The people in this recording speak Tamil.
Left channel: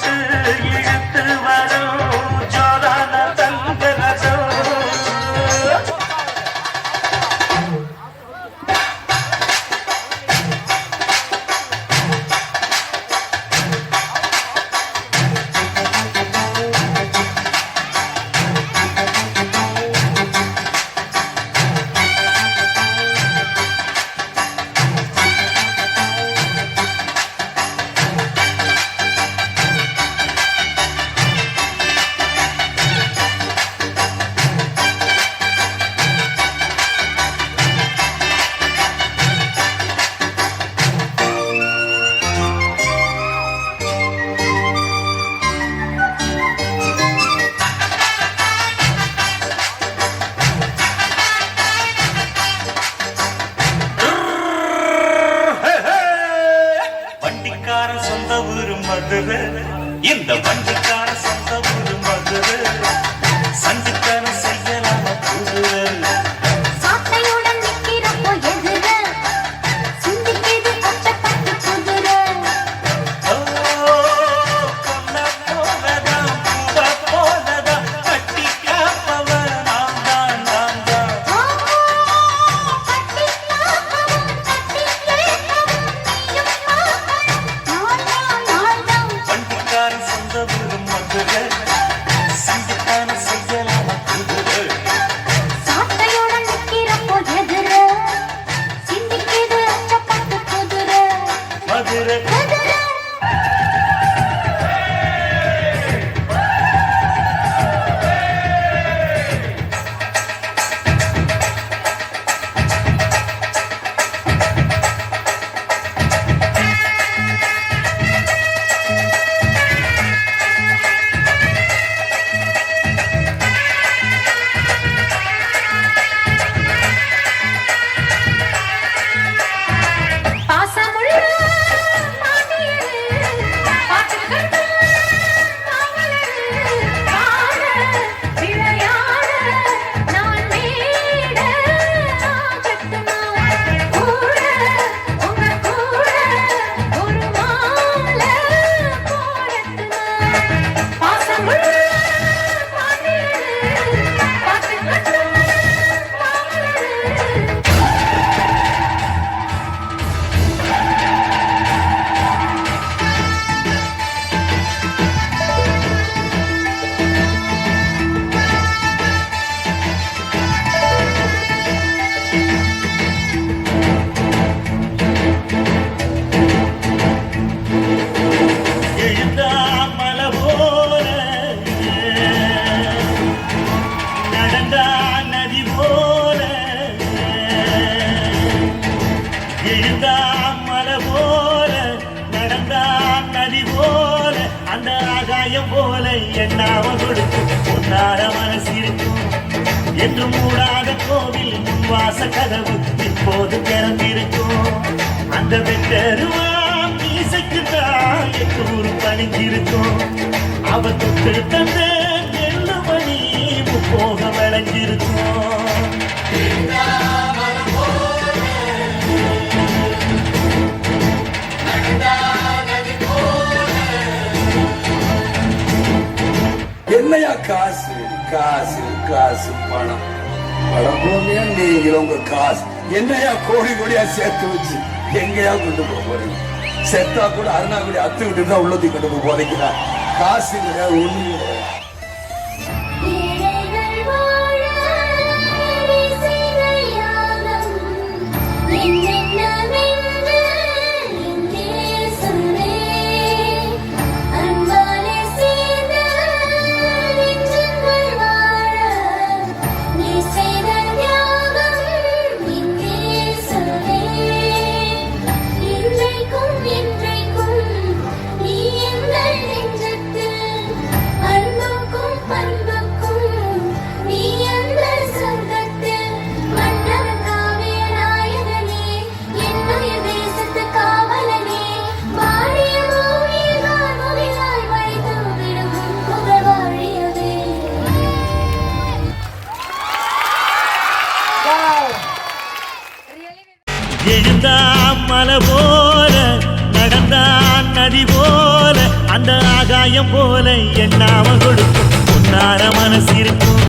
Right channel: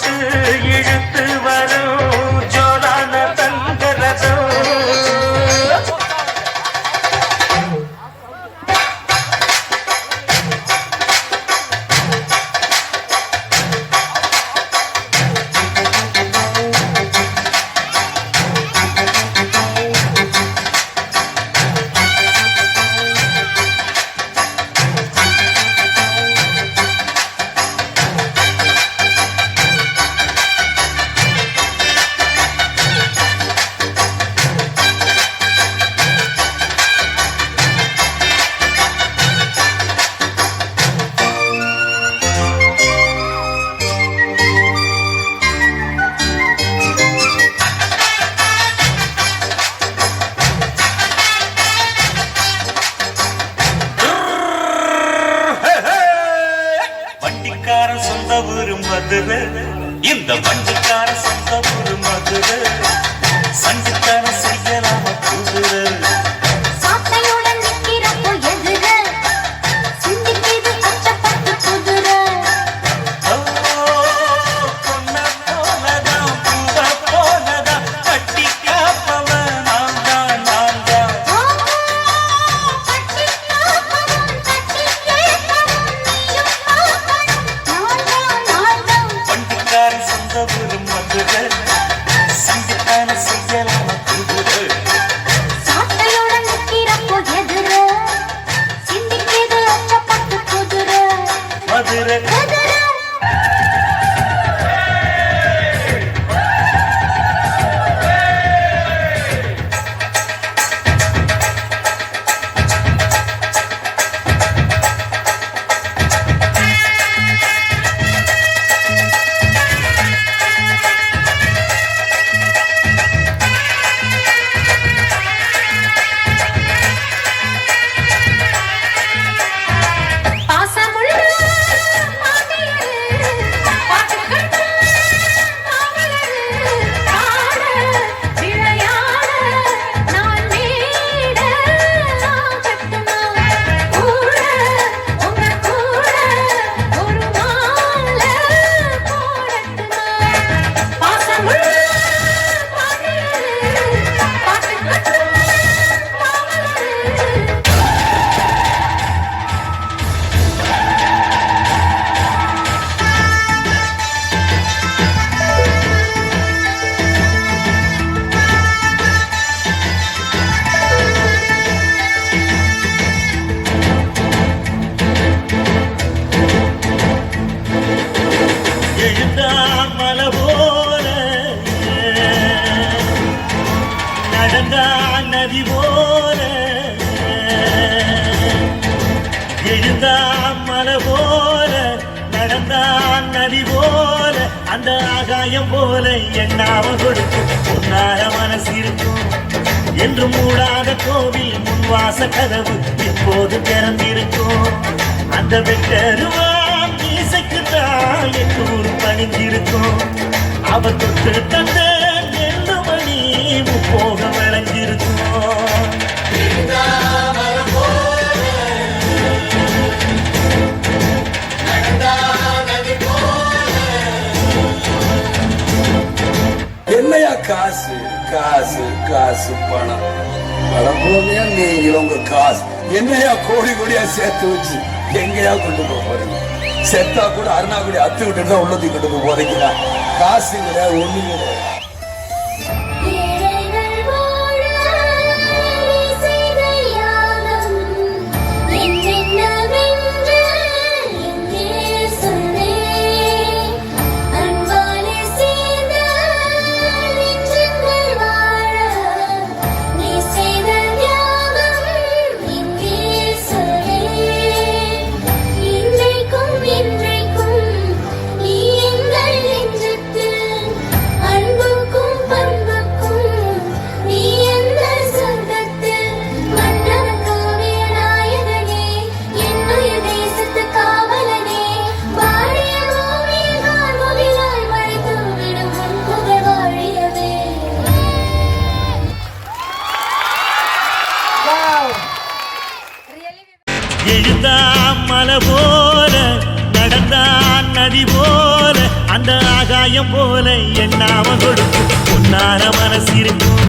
வச்சு இழுத்து வரும் ஜோரான தங்கரசம். வண்டிக்கார சொந்த ஊரு மதுரை, இந்த வண்டிக்கார சொந்த ஊரு மதுரை, சண்டித்தன செய்யலாம் குதிரை. போல என்னாவ கொடுக்கும் உன்னார மனசிருக்கும் என்று மூடாத கோவில் முன்வாச கதவு இப்போது திறந்திருக்கும். அந்த வெட்டருவான் இசைக்குத்தான் எட்டூர் பணிஞ்சிருக்கும். அவர் தொட்டு தந்த எல்லு மணி முப்போக விளைஞ்சிருக்கும். என்னையா காசு காசு காசு பணம் பழப்போமையா நீங்களும் உங்க காசு என்னையா கோடி கோடியா சேர்த்து வச்சு எங்கேயா கொண்டு போக போறீங்க? செத்தா கூட அருணாக்குடி அத்துக்கிட்டு தான் உள்ளத்துக்கு கொண்டு போறீங்களா? காசு கிடையாது, ஒண்ணு கிடையாது. எழுந்தா மலை போல நடந்தான் நதி போல அந்த ஆகாயம் போல எண்ணாம கொடுக்கும் பொன்னார மனசு இருக்கும்